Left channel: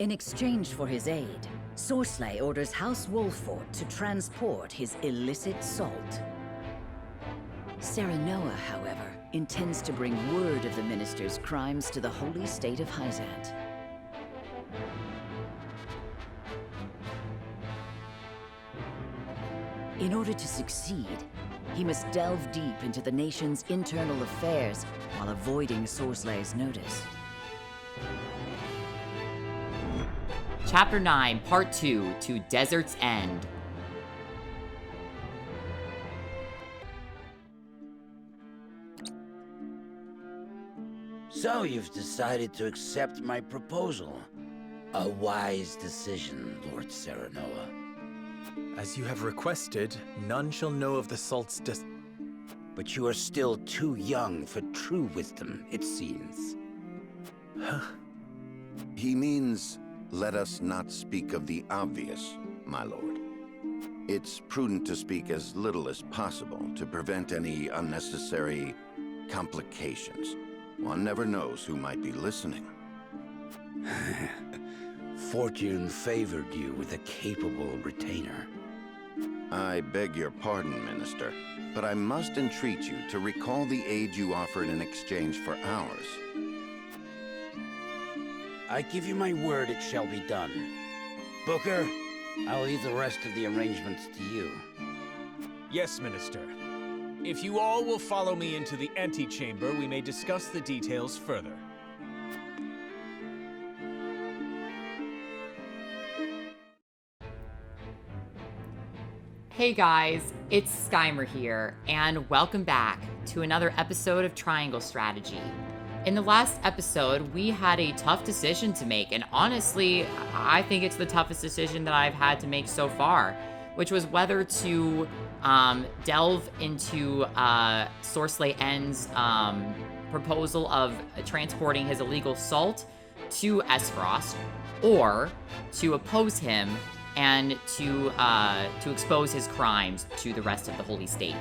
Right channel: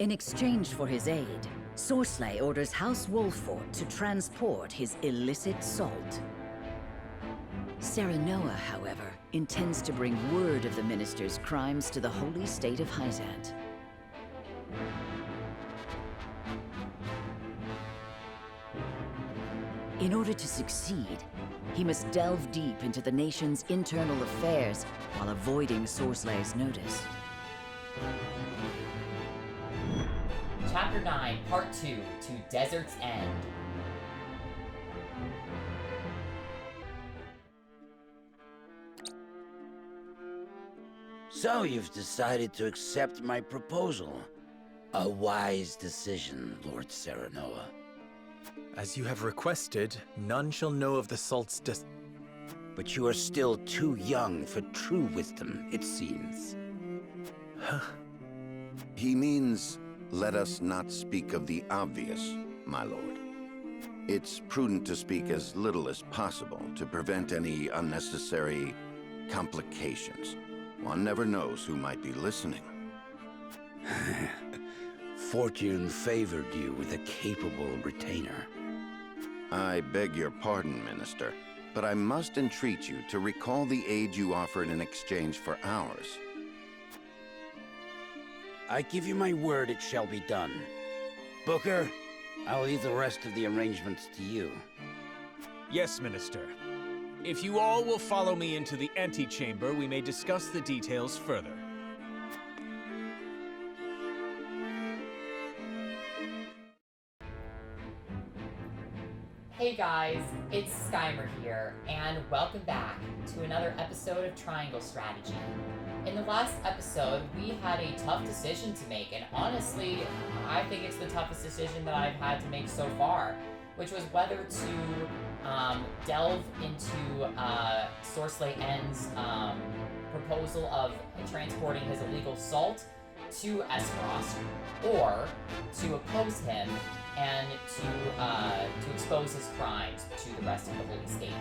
In exchange for his aid, Sorsley orders House Wolfort to transport his illicit salt. Serenoa, however, intends to bring word of the minister's crimes to the holy state of Hyzant. In order to succeed, he must delve deep into the nation's internal affairs while avoiding Sorsley's notice. Chapter 9, Part 2, To Desert's End. So you've decided to accept my proposal. A wise decision, Lord Serenoa. As you have requested, none shall know of the salt's But you are still too young for true wisdom, it seems. He means, let us not speak of the obvious, my lord. It's prudent to speak as little as possible to prevent any unnecessary complications. One never knows who might be listening. Fortune favored you with a capable retainer. I beg your pardon, Minister, but I must entreat you to recall the aid you offered in exchange for ours. I give you my word it shall be done. Booker, I'll leave the rest of the arrangements to you. Yes, Minister. If you all will follow me into the antechamber, we may discuss the details further. Hey guys, it's Skymer here, and welcome back to another episode of Triangle Strategy. In the last episode, we had a tough decision to make, and honestly, I think it's the toughest decision that I've had to make so far, which was whether to delve into Sorsley Ende's proposal of transporting his illegal salt to Esfrost, or to oppose him and to expose his crimes to the rest of the Holy State.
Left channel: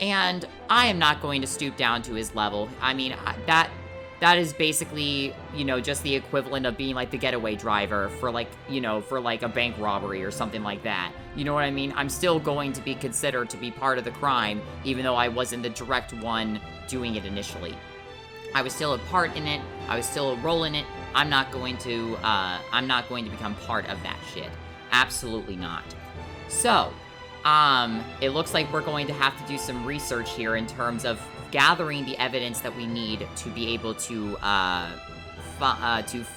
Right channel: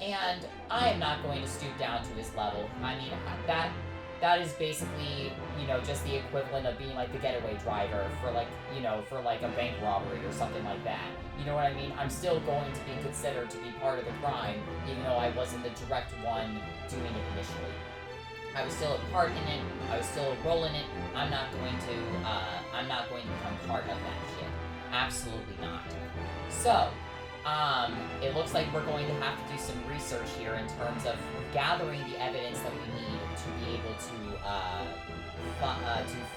And I am not going to stoop down to his level. I mean, that is basically, just the equivalent of being like the getaway driver for like a bank robbery or something like that. You know what I mean? I'm still going to be considered to be part of the crime, even though I wasn't the direct one doing it initially. I was still a part in it. I was still a role in it. I'm not going to become part of that shit. Absolutely not. So, it looks like we're going to have to do some research here in terms of gathering the evidence that we need to be able to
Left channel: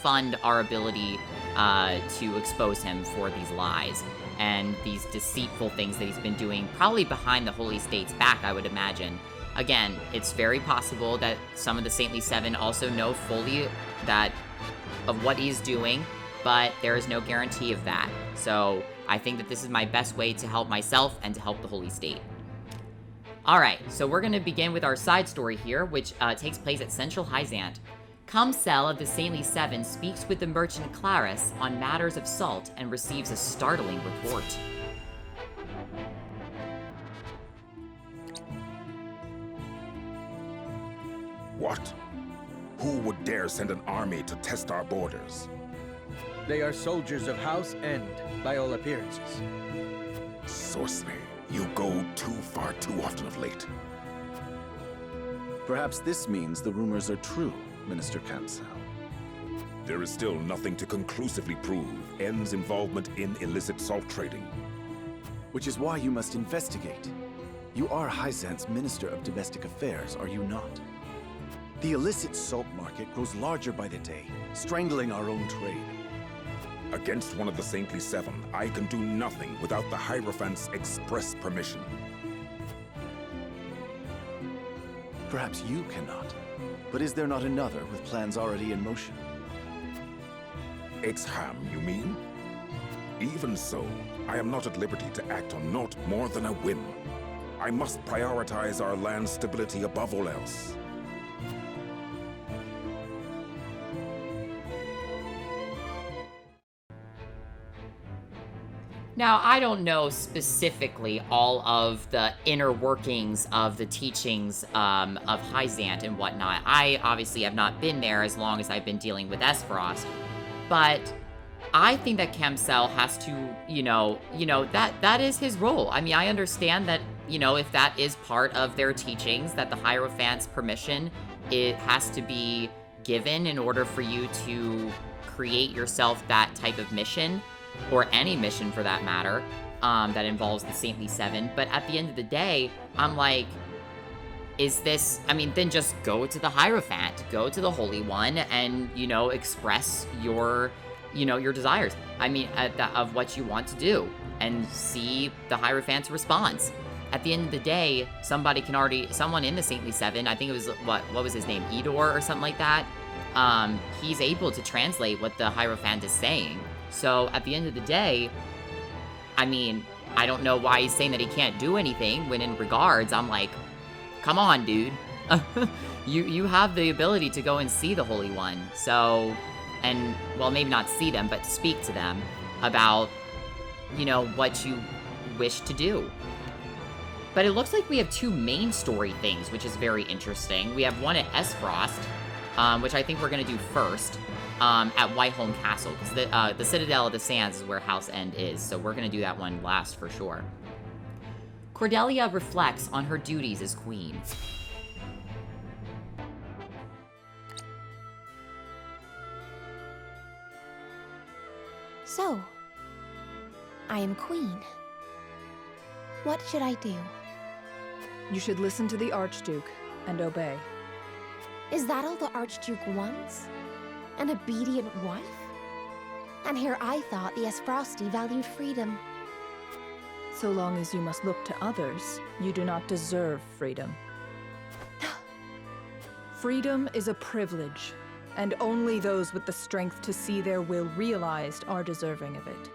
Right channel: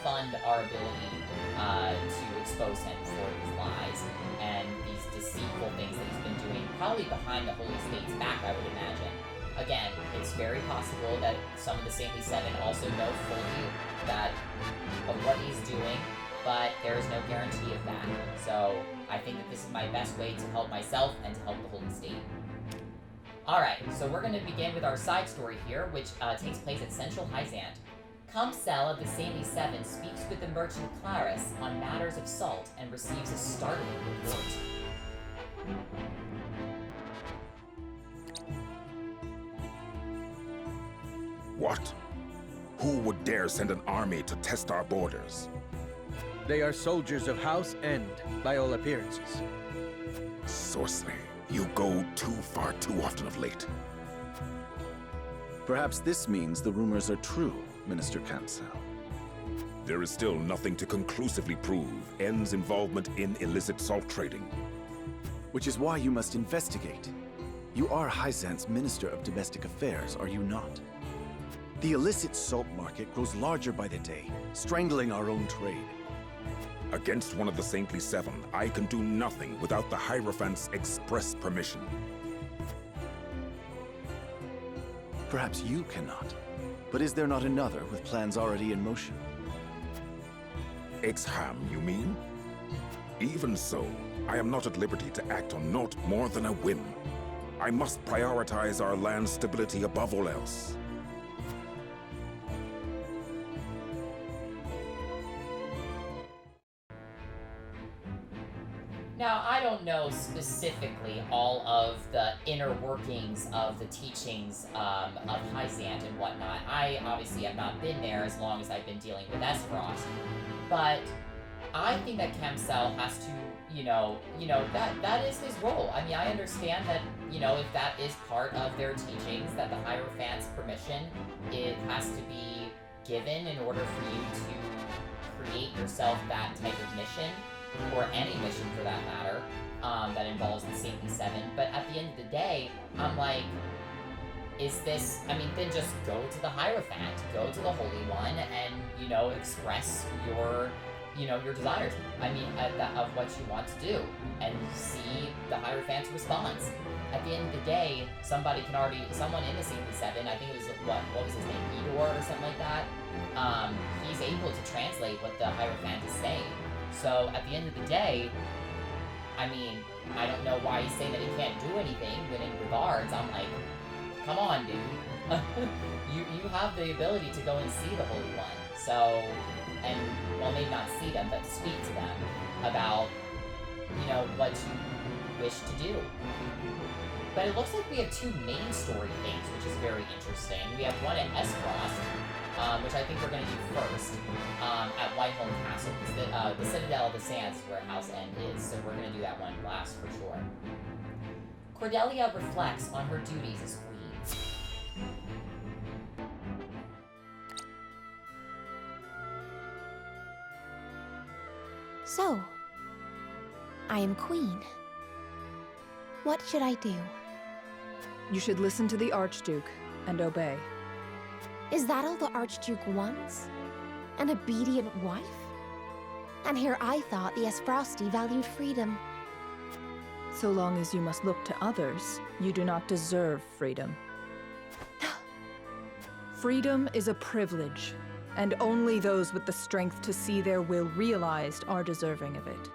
fund our ability to expose him for these lies and these deceitful things that he's been doing, probably behind the Holy State's back, I would imagine. Again, it's very possible that some of the Saintly Seven also know fully of what he's doing, but there is no guarantee of that. So I think that this is my best way to help myself and to help the Holy State. Alright, so we're going to begin with our side story here, which takes place at Central Hyzant. Cumsel of the Saintly Seven speaks with the merchant Claris on matters of salt and receives a startling report. What? Who would dare send an army to test our borders? They are soldiers of House Ende, by all appearances. Sorsley, you go too far too often of late. Perhaps this means the rumors are true, Minister Cumsel. There is still nothing to conclusively prove Ende's involvement in illicit salt trading. Which is why you must investigate. You are Hyzant's Minister of Domestic Affairs, are you not? The illicit salt market grows larger by the day, strangling our own trade. Against one of the Saintly Seven, I can do nothing without the Hierophant's express permission. Perhaps you cannot. But is there not another with plans already in motion? Exham, you mean? Even so, I am not at liberty to act on naught more than a whim. I must prioritize our land's stability above all else. Now, I don't know specifically all of the inner workings of the teachings of Hyzant and whatnot. I obviously have not been there as long as I've been dealing with Esfrost. But I think that Kamsel has to, that is his role. I mean, I understand that, if that is part of their teachings, that the Hierophant's permission, it has to be given in order for you to create yourself that type of mission, or any mission for that matter, that involves the Saintly Seven. But at the end of the day, I'm like, then just go to the Hierophant, go to the Holy One, and, express your desires. Of what you want to do, and see the Hierophant's response. At the end of the day, someone in the Saintly Seven, I think it was, what was his name, Edor or something like that, he's able to translate what the Hierophant is saying. So at the end of the day, I don't know why he's saying that he can't do anything, when in regards, I'm like, come on, dude. you have the ability to go and see the Holy One, so, and, well, maybe not see them, but speak to them about, what you wish to do. But it looks like we have two main story things, which is very interesting. We have one at Esfrost, which I think we're going to do first, at Whiteholm Castle, because the Citadel of the Sands is where House End is, so we're going to do that one last for sure. Cordelia reflects on her duties as queen. So, I am queen. What should I do? You should listen to the Archduke and obey. Is that all the Archduke wants? An obedient wife? And here I thought the Esfrosti valued freedom. So long as you must look to others, you do not deserve freedom. Freedom is a privilege, and only those with the strength to see their will realized are deserving of it.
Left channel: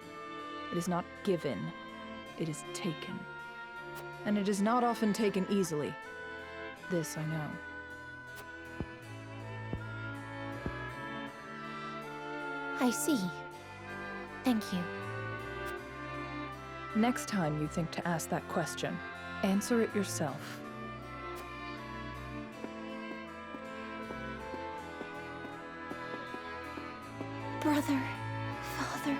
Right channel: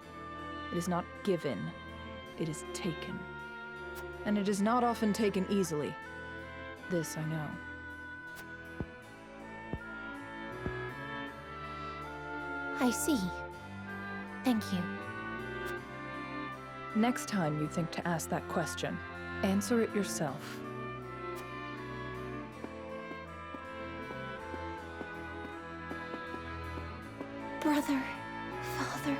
It is not given, it is taken. And it is not often taken easily. This I know. I see. Thank you. Next time you think to ask that question, answer it yourself. Brother, Father,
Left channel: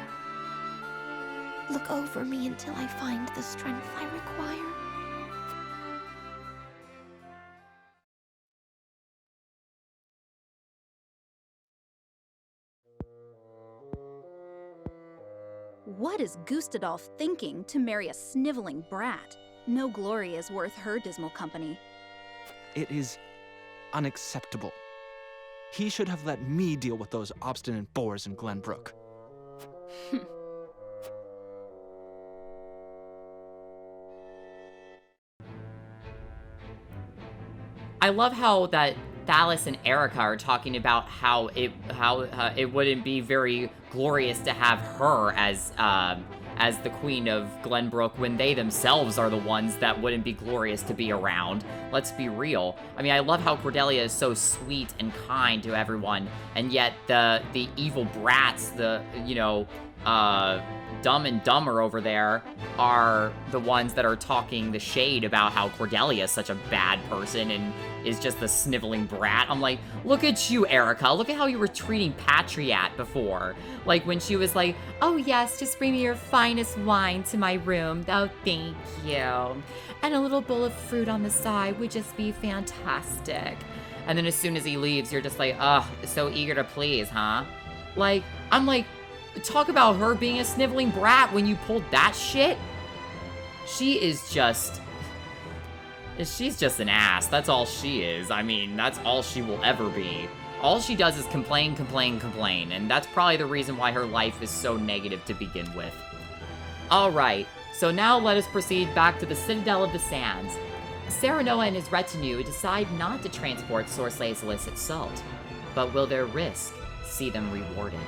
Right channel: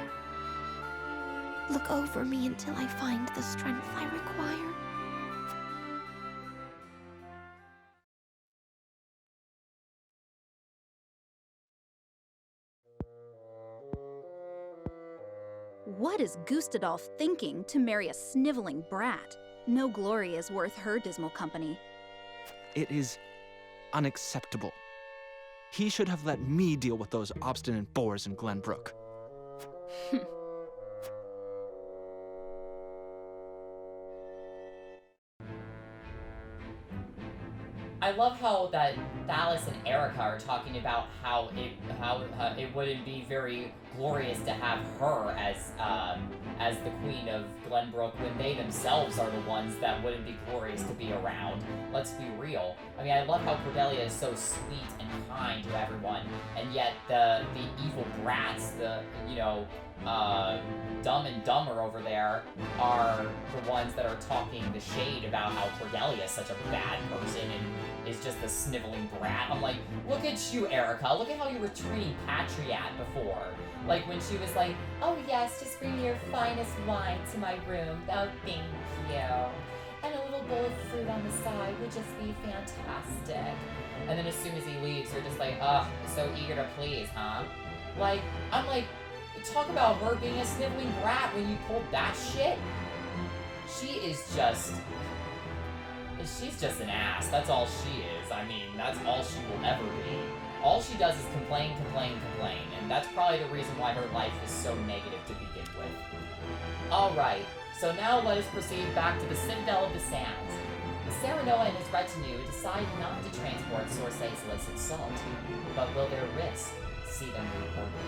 look over me until I find the strength I require. What is Gustadolf thinking to marry a sniveling brat? No glory is worth her dismal company. It is unacceptable. He should have let me deal with those obstinate boors in Glenbrook. I love how that Thalis and Erica are talking about how it wouldn't be very glorious to have her as the queen of Glenbrook when they themselves are the ones that wouldn't be glorious to be around. Let's be real. I mean, I love how Cordelia is so sweet and kind to everyone, and yet the evil brats, Dumb and Dumber over there, are the ones that are talking the shade about how Cordelia is such a bad person and is just a sniveling brat. I'm like, look at you, Erica. Look at how you were treating Patriat before. Like when she was like, oh yes, just bring me your finest wine to my room. Oh, thank you. And a little bowl of fruit on the side would just be fantastic. And then as soon as he leaves, you're just like, ugh, so eager to please, huh? Like, I'm like, talk about her being a sniveling brat when you pulled that shit. She's just an ass. That's all she is. I mean, that's all she will ever be. All she does is complain, complain, complain, and that's probably the reason why her life is so negative to begin with. Alright, so now let us proceed back to the Citadel of the Sands. Serenoa and his retinue decide not to transport Sorslay's illicit salt, but will their risk see them rewarded?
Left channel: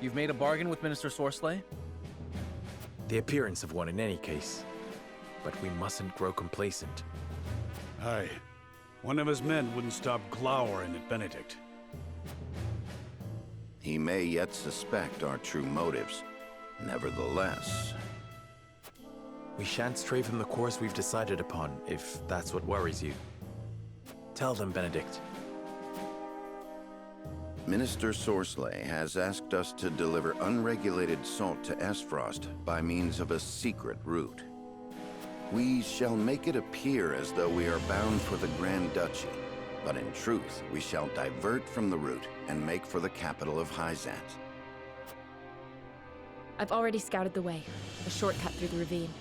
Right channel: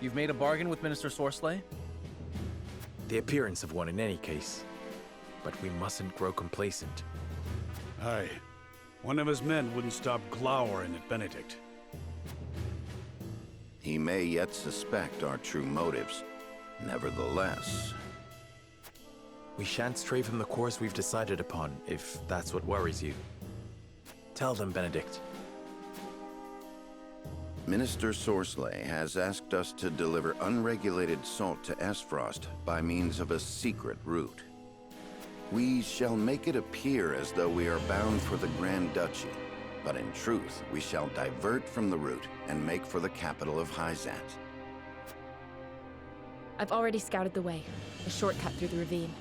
You've made a bargain with Minister Sorsley? The appearance of one in any case. But we mustn't grow complacent. Aye. One of his men wouldn't stop glowering at Benedict. He may yet suspect our true motives. Nevertheless... We shan't stray from the course we've decided upon, if that's what worries you. Tell them, Benedict. Minister Sorcelet has asked us to deliver unregulated salt to Esfrost by means of a secret route. We shall make it appear as though we are bound for the Grand Duchy, but in truth, we shall divert from the route and make for the capital of Hyzant. I've already scouted the way. A shortcut through the ravine.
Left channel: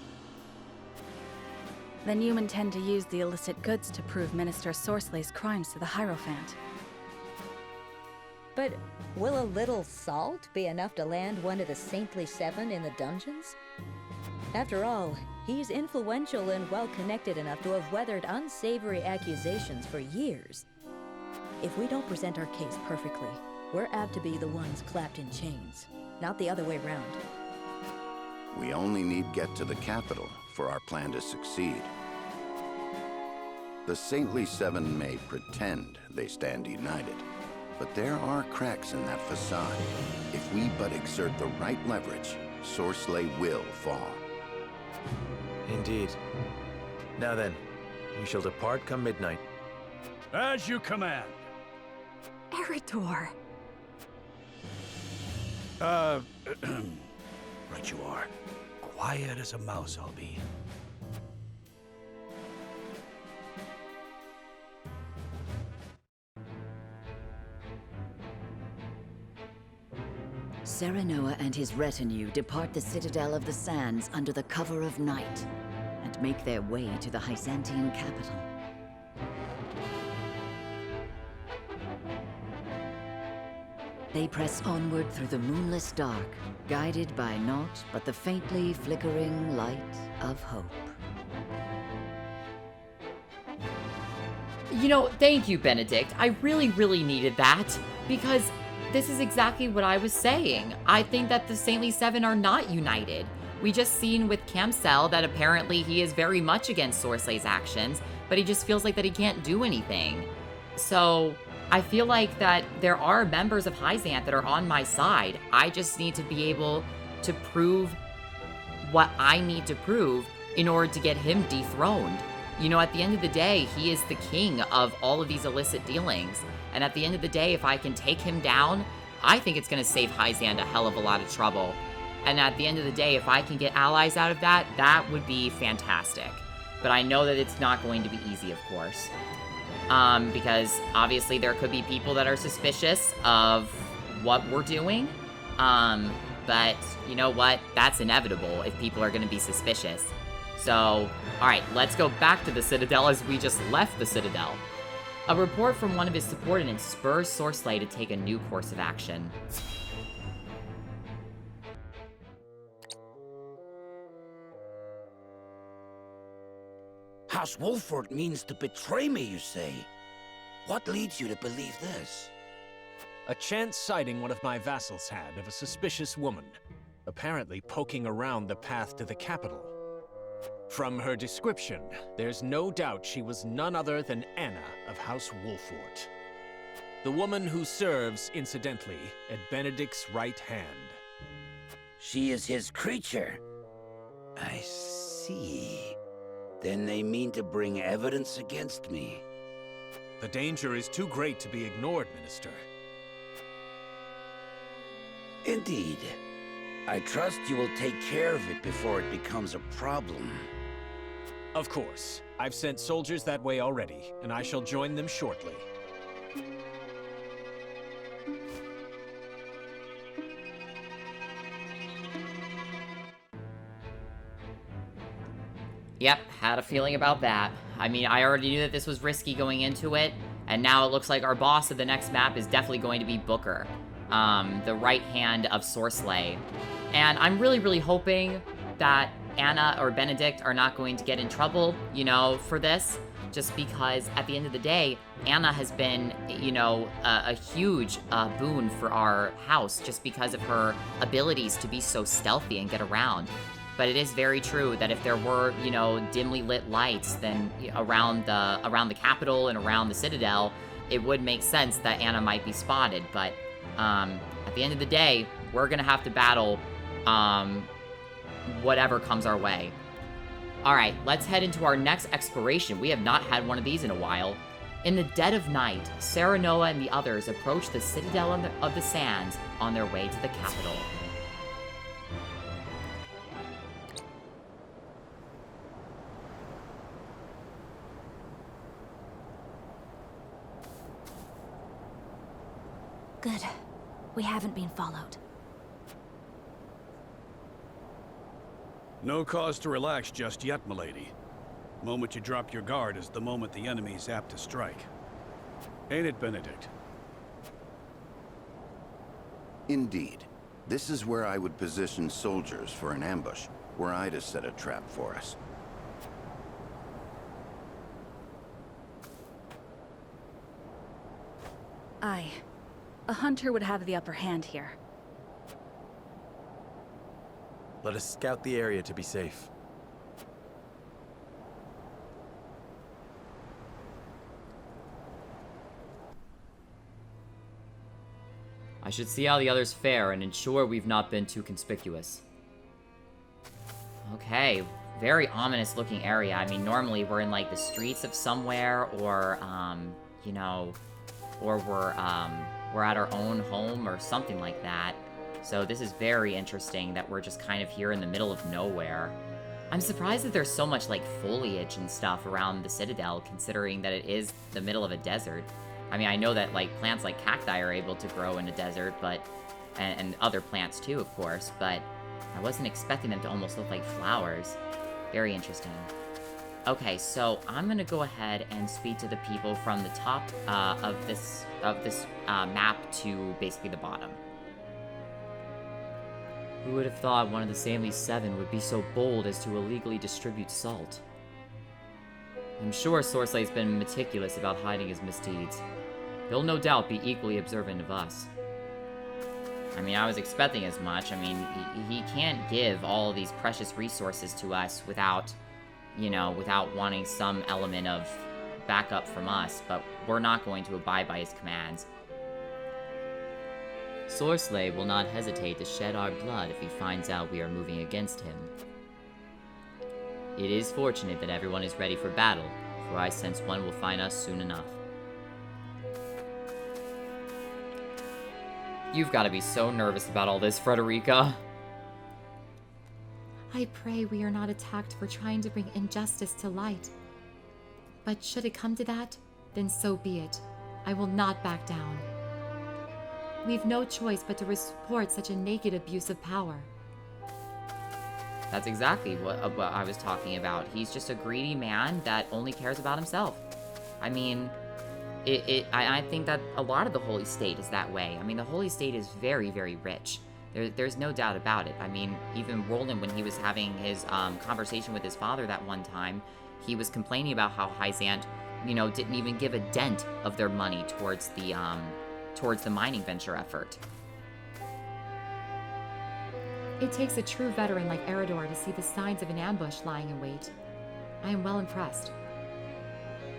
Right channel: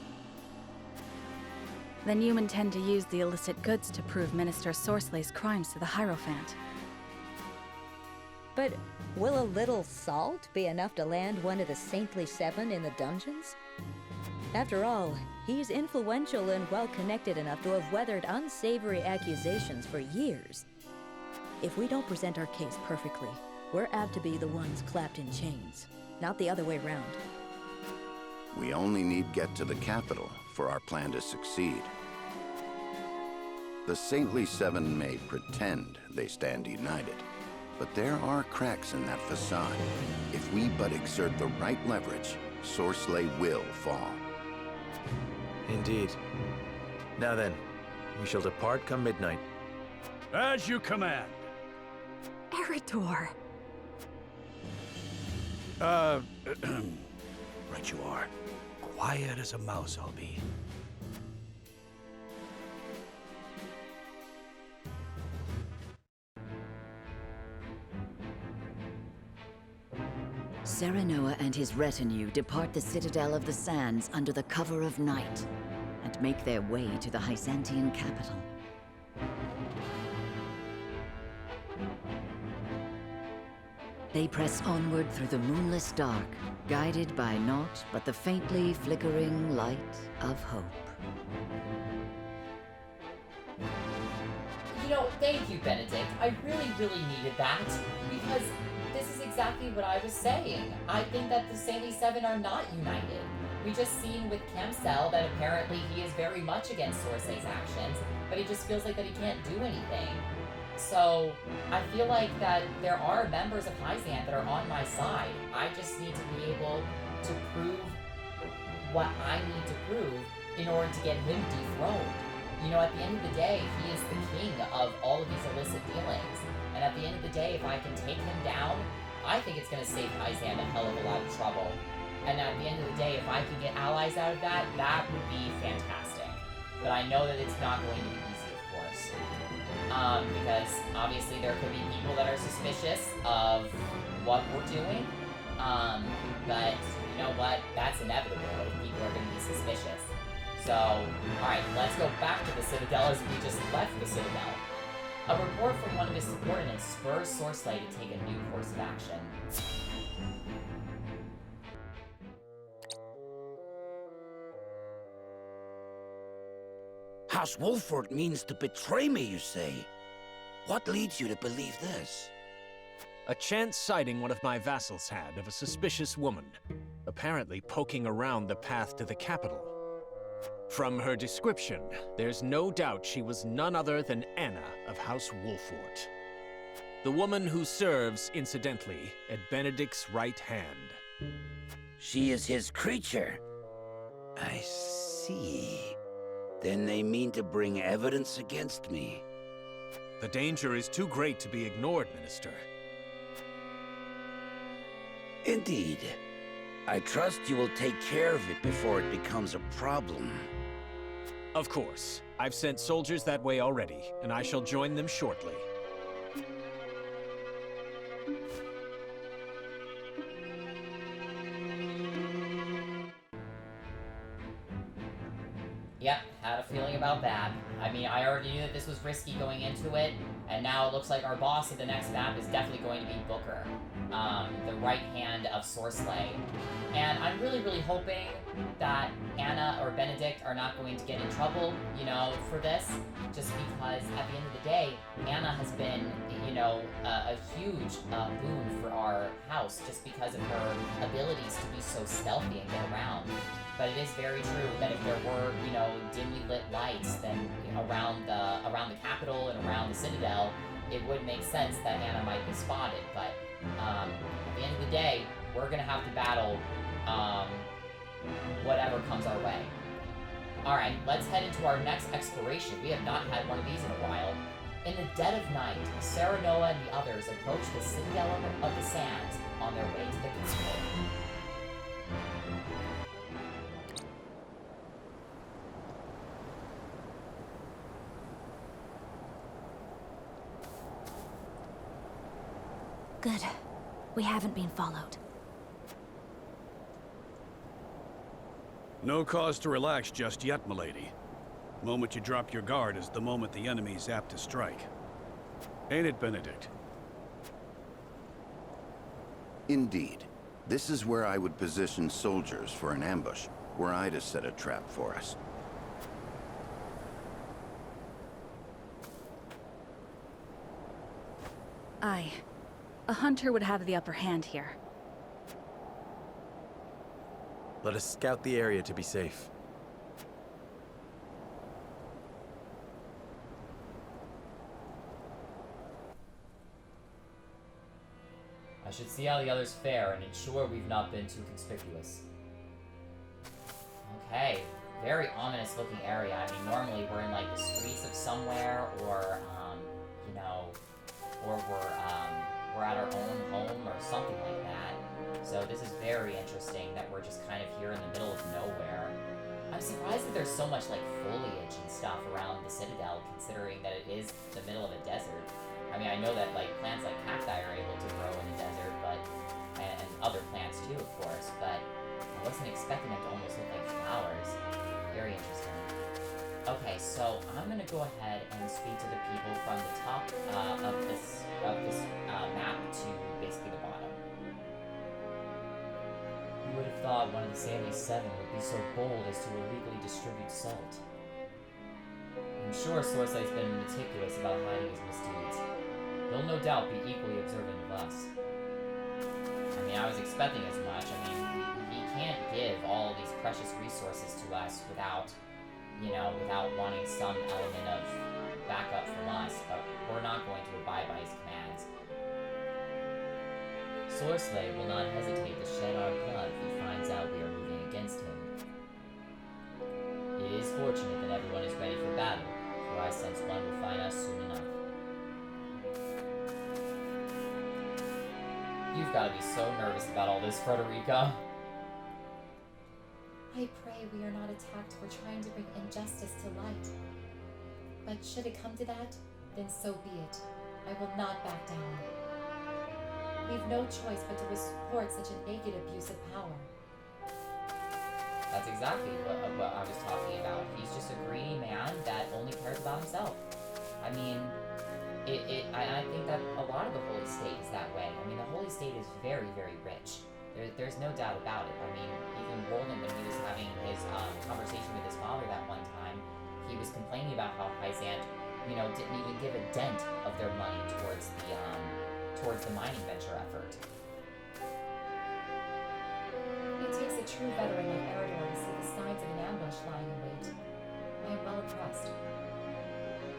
Then you intend to use the illicit goods to prove Minister Sorcelet's crimes to the Hierophant. But will a little salt be enough to land one of the Saintly Seven in the dungeons? After all, he's influential and well-connected enough to have weathered unsavory accusations for years. If we don't present our case perfectly, we're apt to be the ones clapped in chains, not the other way round. We only need get to the capital for our plan to succeed. The Saintly Seven may pretend they stand united, but there are cracks in that facade. If we but exert the right leverage, Sorcelet will fall. Indeed. Now then, we shall depart come midnight. As you command. Eridor! Right you are. Quiet as a mouse I'll be. Serenoa and his retinue depart the Citadel of the Sands under the cover of night, and make their way to the Hyzantian capital. They press onward through the moonless dark, guided by naught but the faintly flickering light of hope. You know, thank you, Benedict. I really, really needed that, because this is exactly what I was saying. I think that the Saintly Seven are not united. We just seen with Camsel that apparently he is very much against Sorcelet's actions, but he just feels like that he can't do anything. So I feel like that there are members of Hyzant that are on my side. I just need to be able to prove what I need to prove in order to get him dethroned. You know, at the end of the day, he is the king of all of these illicit dealings. And at the end of the day, if I can take him down, I think it's going to save Hyzant a hell of a lot of trouble. And at the end of the day, if I can get allies out of that, that would be fantastic. But I know that it's not going to be easy, of course. Because obviously there could be people that are suspicious of what we're doing. But you know what? That's inevitable if people are going to be suspicious. So, alright, let's go back to the Citadel as we just left the Citadel. A report from one of his subordinates spurs Sorcelet to take a new course of action. House Wolford means to betray me, you say? What leads you to believe this? A chance sighting one of my vassals had of a suspicious woman, apparently poking around the path to the capital. From her description, there's no doubt she was none other than Anna of House Wolford. The woman who serves, incidentally, at Benedict's right hand. She is his creature. I see. Then they mean to bring evidence against me. The danger is too great to be ignored, Minister. Indeed. I trust you will take care of it before it becomes a problem. Of course. I've sent soldiers that way already, and I shall join them shortly. Yep, had a feeling about that. I mean, I already knew that this was risky going into it, and now it looks like our boss of the next map is definitely going to be Booker, the right hand of Sorcelet. And I'm really, really hoping that Anna or Benedict are not going to get in trouble, you know, for this, just because at the end of the day, Anna has been, you know, a huge boon for our house just because of her abilities to be so stealthy and get around. But it is very true that if there were, you know, dimly lit lights then around the capital and around the Citadel, it would make sense that Anna might be spotted. But at the end of the day, we're gonna have to battle whatever comes our way. All right, let's head into our next exploration. We have not had one of these in a while. In the dead of night, Serenoa and the others approach the Citadel of the Sands on their way to the capital. Good. We haven't been followed. No cause to relax just yet, milady. The moment you drop your guard is the moment the enemy's apt to strike. Ain't it, Benedict? Indeed. This is where I would position soldiers for an ambush, were I to set a trap for us. Aye. A hunter would have the upper hand here. Let us scout the area to be safe. I should see how the others fare and ensure we've not been too conspicuous. Okay, very ominous looking area. I mean, normally we're in like the streets of somewhere, or you know, or we're at our own home or something like that. So this is very interesting that we're just kind of here in the middle of nowhere. I'm surprised that there's so much like foliage and stuff around the Citadel, considering that it is the middle of a desert. I mean, I know that like plants like cacti are able to grow in a desert, but and other plants too, of course, but I wasn't expecting them to almost look like flowers. Very interesting. Okay, so I'm gonna go ahead and speak to the people from the top of this map to basically the bottom. Who would have thought one of the Stanley Seven would be so bold as to illegally distribute salt? I'm sure Sorslay's been meticulous about hiding his misdeeds. He'll no doubt be equally observant of us. I mean, I was expecting as much. I mean, he can't give all of these precious resources to us without, you know, without wanting some element of backup from us, but we're not going to abide by his commands. Sorsley will not hesitate to shed our blood if he finds out we are moving against him. It is fortunate that everyone is ready for battle, for I sense one will find us soon enough. You've got to be so nervous about all this, Frederica. I pray we are not attacked for trying to bring injustice to light. But should it come to that, then so be it. I will not back down. We've no choice but to report such a naked abuse of power. That's exactly what I was talking about. He's just a greedy man that only cares about himself. I mean, I think that a lot of the Holy State is that way. I mean, the Holy State is very, very rich. There's no doubt about it. I mean, even Roland, when he was having his conversation with his father that one time, he was complaining about how Hyzant, you know, didn't even give a dent of their money towards the mining venture effort. It takes a true veteran like Eridor to see the signs of an ambush lying in wait. I am well impressed.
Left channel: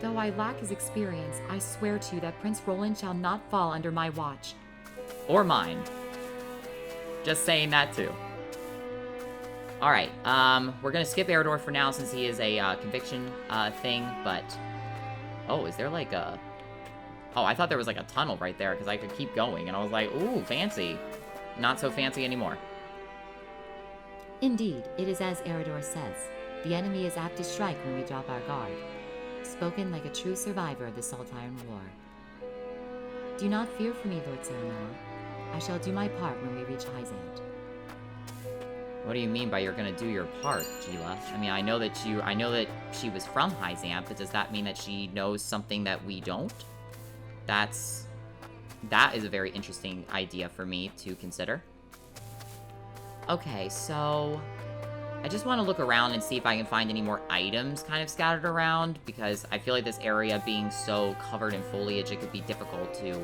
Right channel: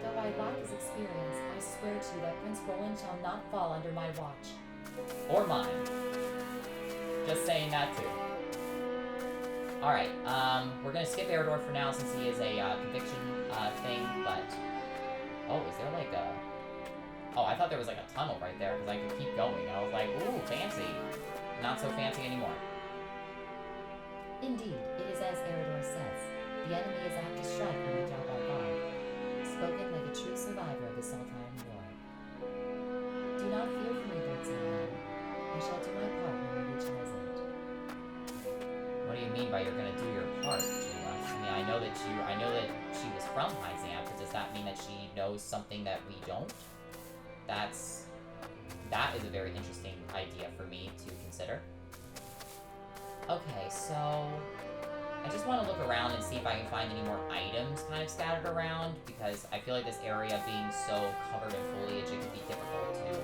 Though I lack his experience, I swear to you that Prince Roland shall not fall under my watch. Or mine. Just saying that too. Alright, we're gonna skip Eridor for now since he is a conviction thing, but... Oh, is there like a... Oh, I thought there was like a tunnel right there because I could keep going, and I was like, ooh, fancy. Not so fancy anymore. Indeed, it is as Eridor says. The enemy is apt to strike when we drop our guard. Spoken like a true survivor of the Saltire War. Do not fear for me, Lord Samuel. I shall do my part when we reach House Ende. What do you mean by you're gonna do your part, Keela? I mean, I know that she was from Hyzant, but does that mean that she knows something that we don't? That is a very interesting idea for me to consider. Okay, so I just want to look around and see if I can find any more items kind of scattered around, because I feel like this area being so covered in foliage, it could be difficult to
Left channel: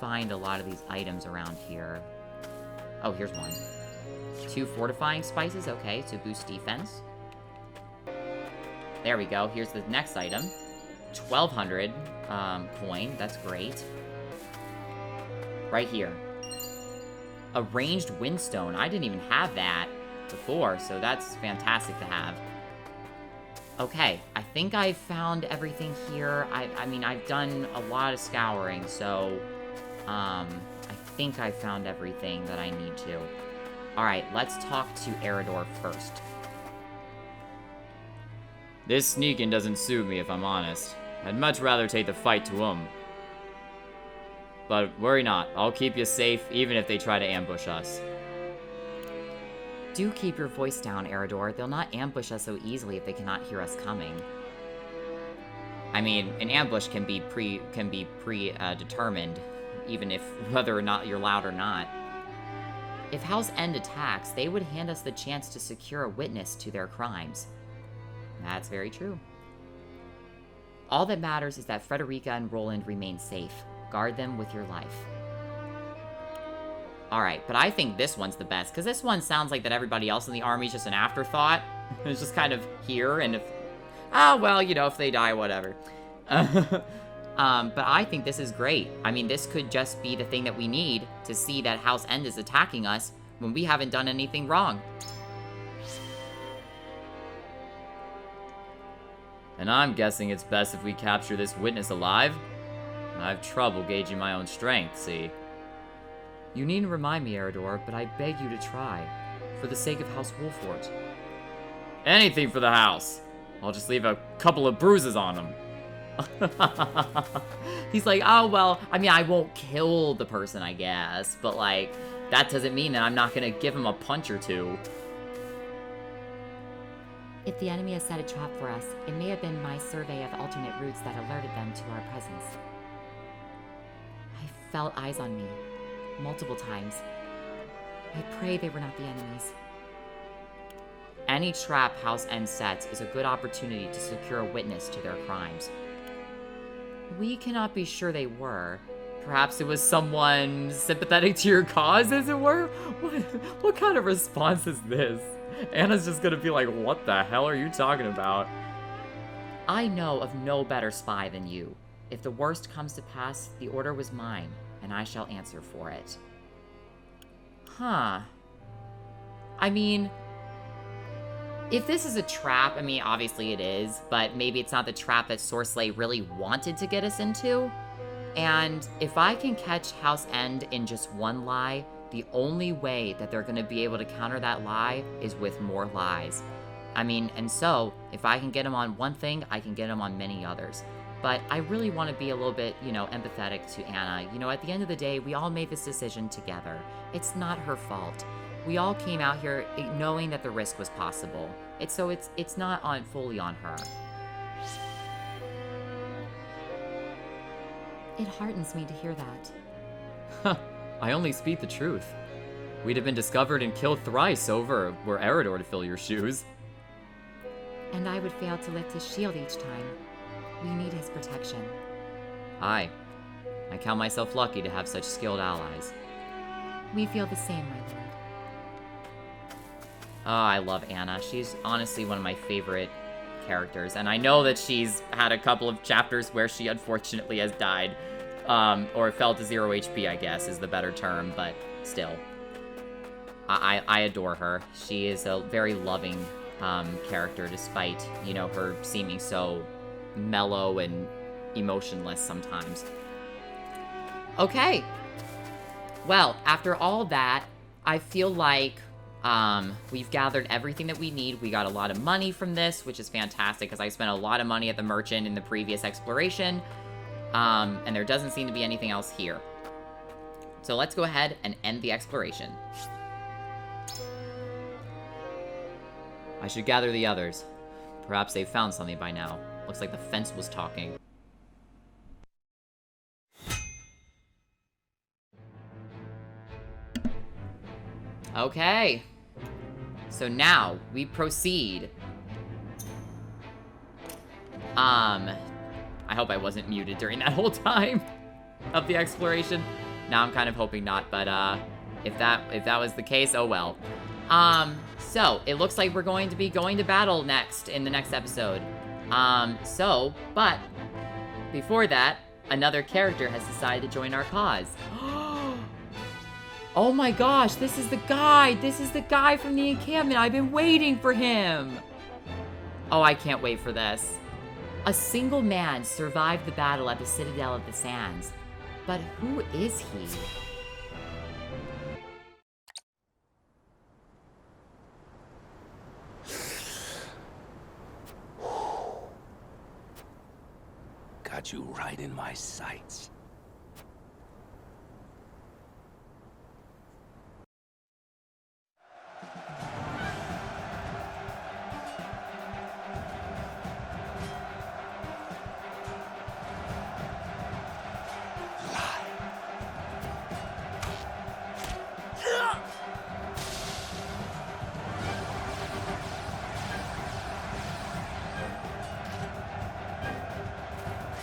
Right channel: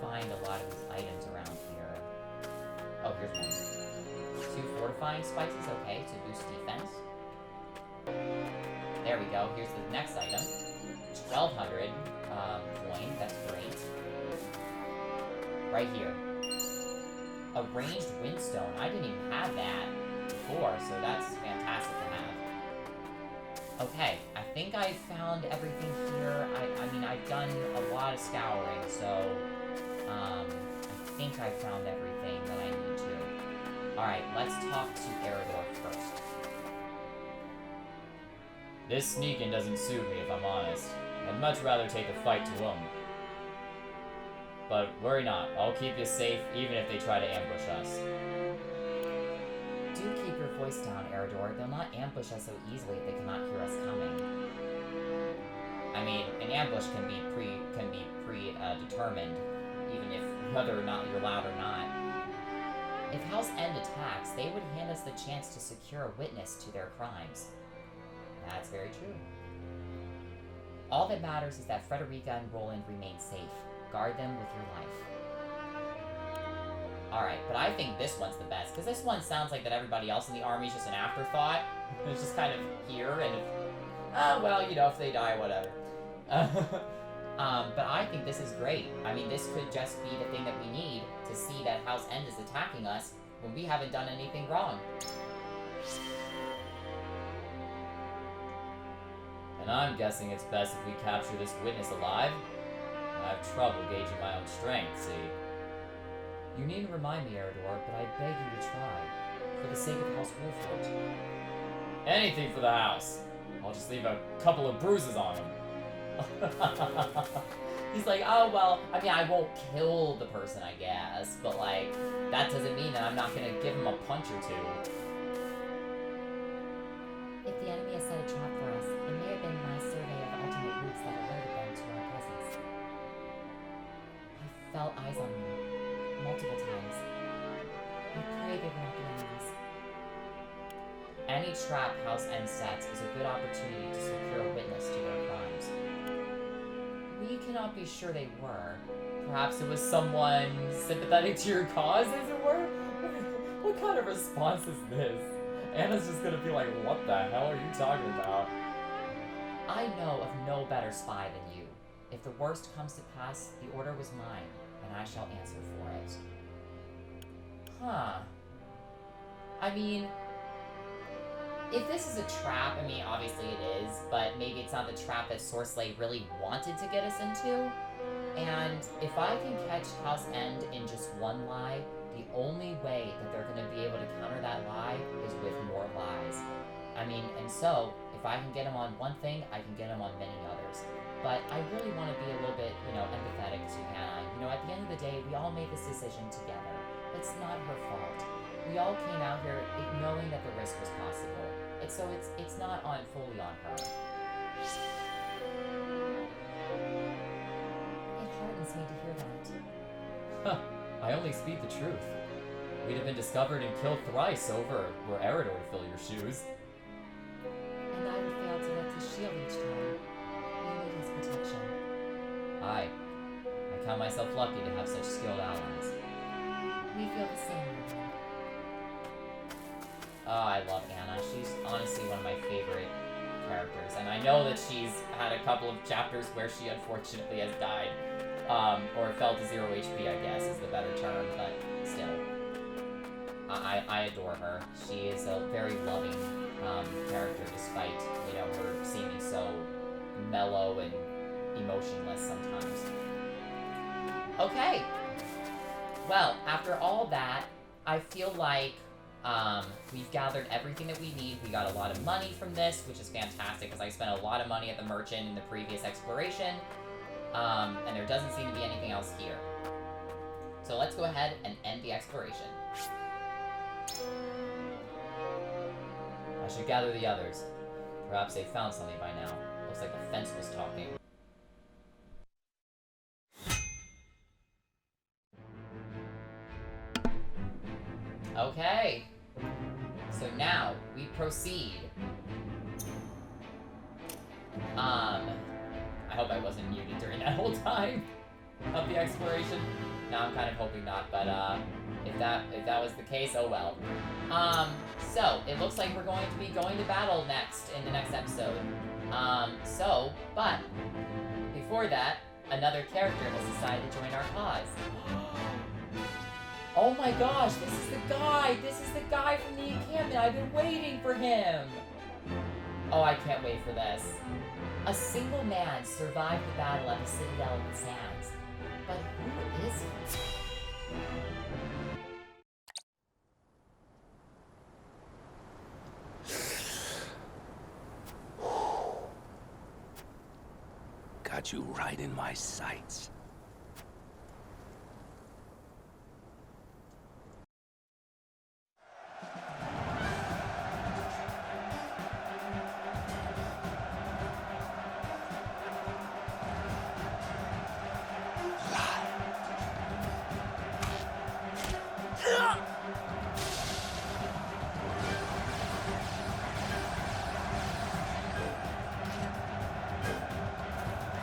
find a lot of these items around here. Oh, here's one. 2 fortifying spices, okay, to boost defense. There we go, here's the next item. 1,200 coin, that's great. Right here. A ranged windstone. I didn't even have that before, so that's fantastic to have. Okay, I think I found everything here. I mean, I've done a lot of scouring, so I think I found everything that I need to. Alright, let's talk to Eridor first. This sneaking doesn't suit me, if I'm honest. I'd much rather take the fight to him. But worry not, I'll keep you safe, even if they try to ambush us. Do keep your voice down, Eridor. They'll not ambush us so easily if they cannot hear us coming. I mean, an ambush can be predetermined, even if whether or not you're loud or not. If House Ende attacks, they would hand us the chance to secure a witness to their crimes. That's very true. All that matters is that Frederica and Roland remain safe. Guard them with your life. Alright, but I think this one's the best, because this one sounds like that everybody else in the army is just an afterthought. It's just kind of here, and if... Oh, well, you know, if they die, whatever. But I think this is great. I mean, this could just be the thing that we need to see that House Ende is attacking us when we haven't done anything wrong. And I'm guessing it's best if we capture this witness alive. I have trouble gauging my own strength, see? You needn't remind me, Eridor, but I beg you to try. For the sake of House Wolfort. Anything for the house. I'll just leave a couple of bruises on him. He's like, oh, well, I mean, I won't kill the person, I guess. But, like, that doesn't mean that I'm not gonna give him a punch or two. If the enemy has set a trap for us, it may have been my survey of alternate routes that alerted them to our presence. I felt eyes on me, multiple times. I pray they were not the enemies. Any trap House Ende sets is a good opportunity to secure a witness to their crimes. We cannot be sure they were. Perhaps it was someone sympathetic to your cause, as it were? What kind of response is this? Anna's just gonna be like, what the hell are you talking about? I know of no better spy than you. If the worst comes to pass, the order was mine, and I shall answer for it. Huh. I mean, if this is a trap, I mean, obviously it is, but maybe it's not the trap that Sorcelet really wanted to get us into. And if I can catch House Ende in just one lie, the only way that they're going to be able to counter that lie is with more lies. I mean, and so, if I can get them on one thing, I can get them on many others. But I really want to be a little bit, you know, empathetic to Anna. You know, at the end of the day, we all made this decision together. It's not her fault. We all came out here knowing that the risk was possible. It's not fully on her. It hardens me to hear that. I only speak the truth. We'd have been discovered and killed thrice over were Eridor to fill your shoes. And I would fail to lift his shield each time. We need his protection. Aye. I count myself lucky to have such skilled allies. We feel the same way. Oh, I love Anna. She's honestly one of my favorite characters. And I know that she's had a couple of chapters where she unfortunately has died. Or fell to 0 HP, I guess, is the better term, but still. I adore her. She is a very loving character, despite, you know, her seeming so mellow and emotionless sometimes. Okay. Well, after all that, I feel like we've gathered everything that we need. We got a lot of money from this, which is fantastic, because I spent a lot of money at the merchant in the previous exploration. And there doesn't seem to be anything else here. So let's go ahead and end the exploration. I should gather the others. Perhaps they've found something by now. Looks like the fence was talking. Okay. So now, we proceed. I hope I wasn't muted during that whole time of the exploration. Now I'm kind of hoping not, but if that was the case, oh well. So it looks like we're going to be going to battle next in the next episode. But before that, another character has decided to join our cause. Oh my gosh, this is the guy! This is the guy from the encampment! I've been waiting for him! Oh, I can't wait for this. A single man survived the battle at the Citadel of the Sands. But who is he? Got you right in my sights.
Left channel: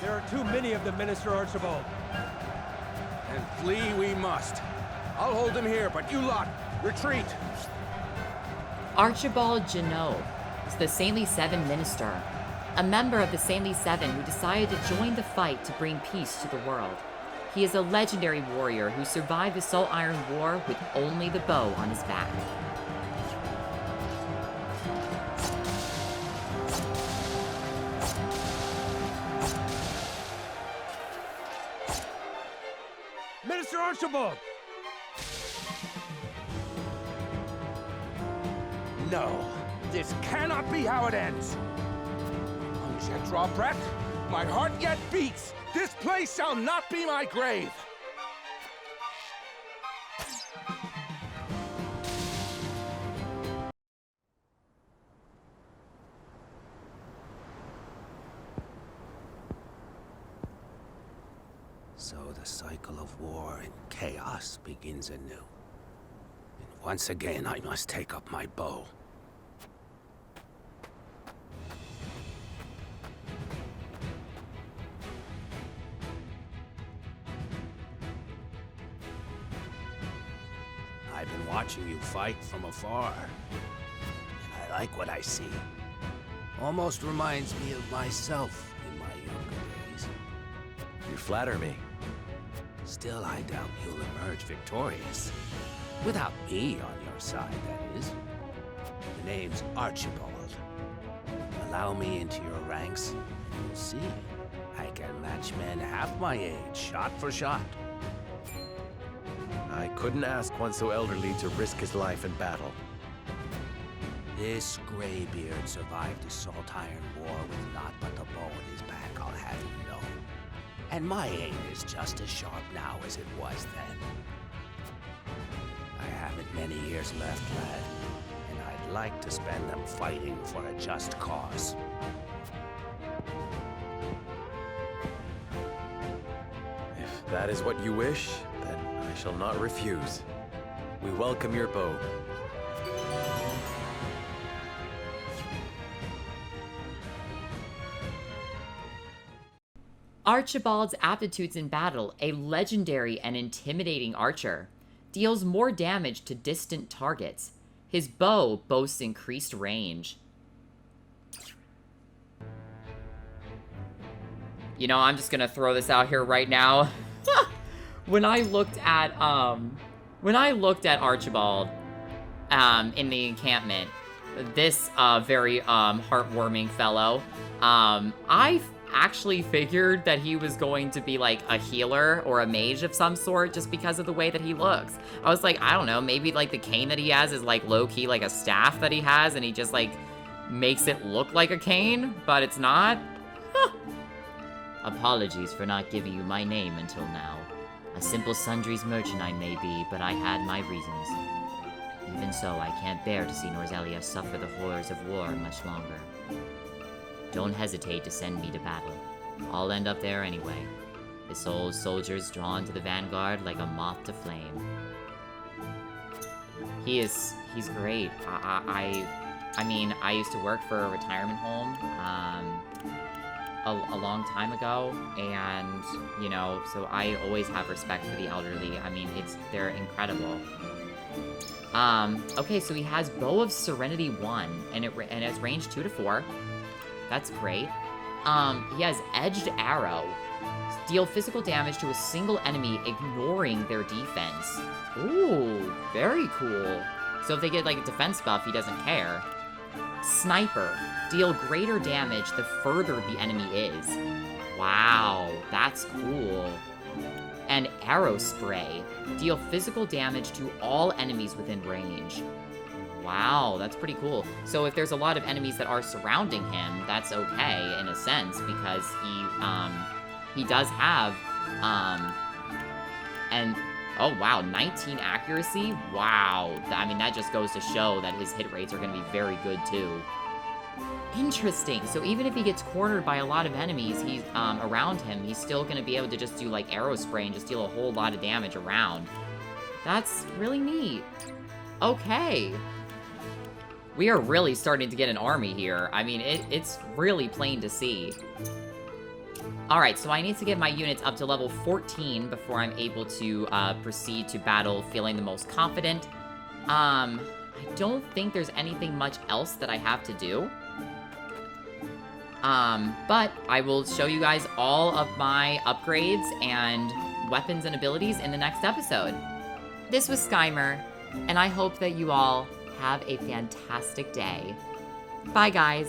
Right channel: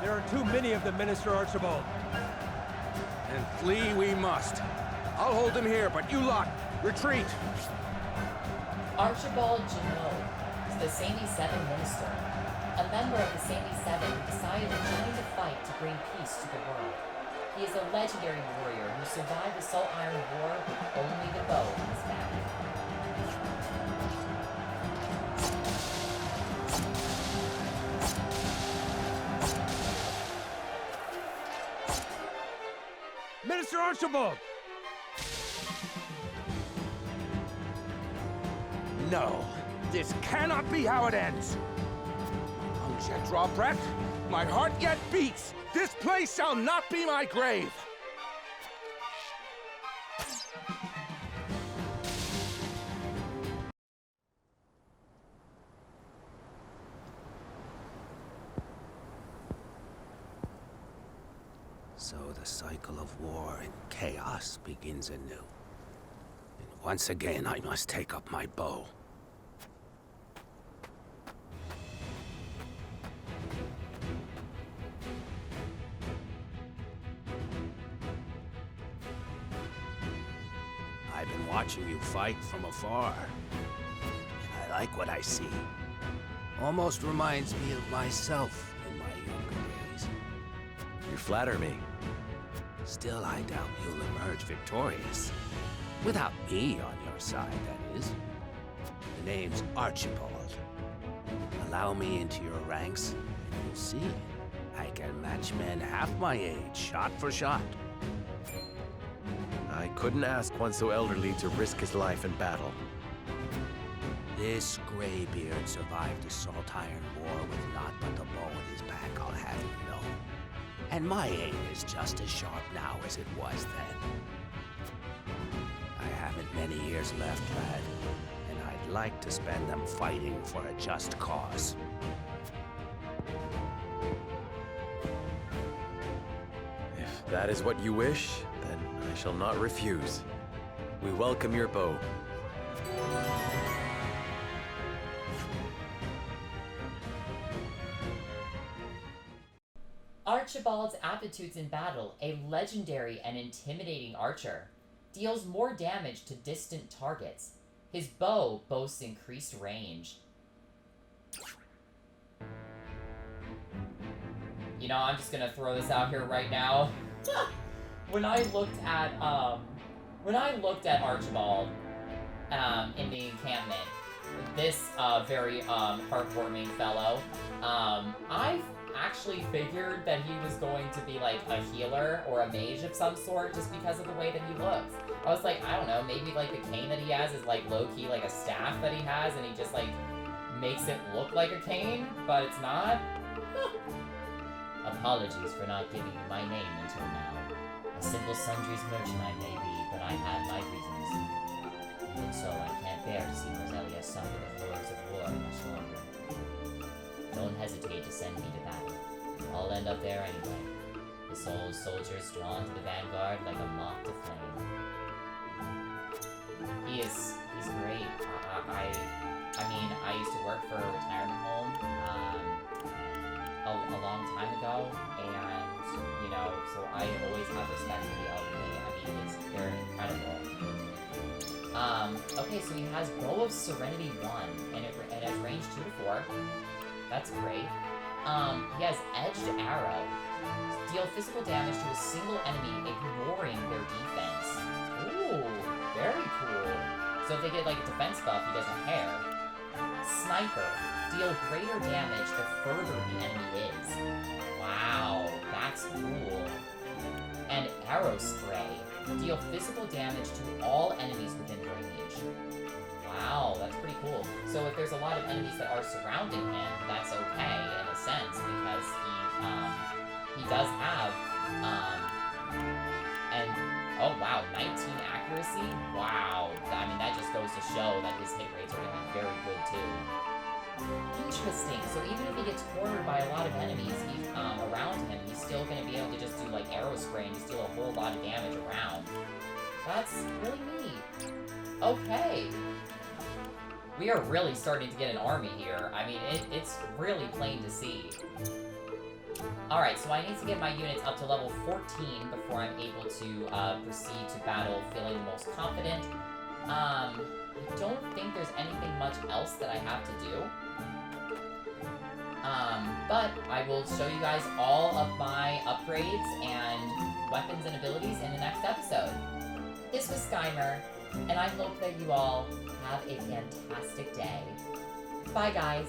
There are too many of them, Minister Archibald. And flee we must. I'll hold him here, but you lot, retreat! Archibald Janot is the Saintly Seven minister, a member of the Saintly Seven who decided to join the fight to bring peace to the world. He is a legendary warrior who survived the Salt Iron War with only the bow on his back. Minister Archibald! No, this cannot be how it ends. Lungs yet draw breath, my heart yet beats. This place shall not be my grave. So the cycle of war and chaos begins anew. And once again, I must take up my bow. I've been watching you fight from afar, and I like what I see. Almost reminds me of myself in my younger days. You flatter me. Still, I doubt you'll emerge victorious. Without me on your side, that is. The name's Archibald. Allow me into your ranks, and you'll see. I can match men half my age, shot for shot. I couldn't ask one so elderly to risk his life in battle. This graybeard survived the Salt Iron War with naught but the bow in his back, I'll have you know. And my aim is just as sharp now as it was then. I haven't many years left, lad, and I'd like to spend them fighting for a just cause. If that is what you wish, then I shall not refuse. We welcome your bow. Archibald's aptitudes in battle, a legendary and intimidating archer, deals more damage to distant targets. His bow boasts increased range. You know, I'm just gonna throw this out here right now. When I looked at Archibald in the encampment, this very heartwarming fellow, I actually figured that he was going to be like a healer or a mage of some sort just because of the way that he looks. I was like, I don't know, maybe like the cane that he has is like low-key like a staff that he has and he just like makes it look like a cane, but it's not. Apologies for not giving you my name until now. A simple sundries merchant I may be, but I had my reasons. Even so, I can't bear to see Morzelia suffer the horrors of war much longer. Don't hesitate to send me to battle. I'll end up there anyway. This old soldier's drawn to the vanguard like a moth to flame. He's great. I mean, I used to work for a retirement home a long time ago, and you know, so I always have respect for the elderly. I mean, they're incredible. Okay, so he has Bow of Serenity 1, and it's range 2 to 4. That's great. He has Edged Arrow. Deal physical damage to a single enemy, ignoring their defense. Ooh, very cool. So if they get like a defense buff, he doesn't care. Sniper. Deal greater damage the further the enemy is. Wow, that's cool. And Arrow Spray. Deal physical damage to all enemies within range. Wow, that's pretty cool. So if there's a lot of enemies that are surrounding him, that's okay in a sense because he does have and oh wow, 19 accuracy. Wow, I mean that just goes to show that his hit rates are going to be very good too. Interesting. So even if he gets cornered by a lot of enemies, he's around him, he's still going to be able to just do like arrow spray and just deal a whole lot of damage around. That's really neat. Okay. We are really starting to get an army here. I mean, it's really plain to see. Alright, so I need to get my units up to level 14 before I'm able to proceed to battle feeling the most confident. I don't think there's anything much else that I have to do. But I will show you guys all of my upgrades and weapons and abilities in the next episode. This was Skymer, and I hope that you all have a fantastic day. Bye, guys.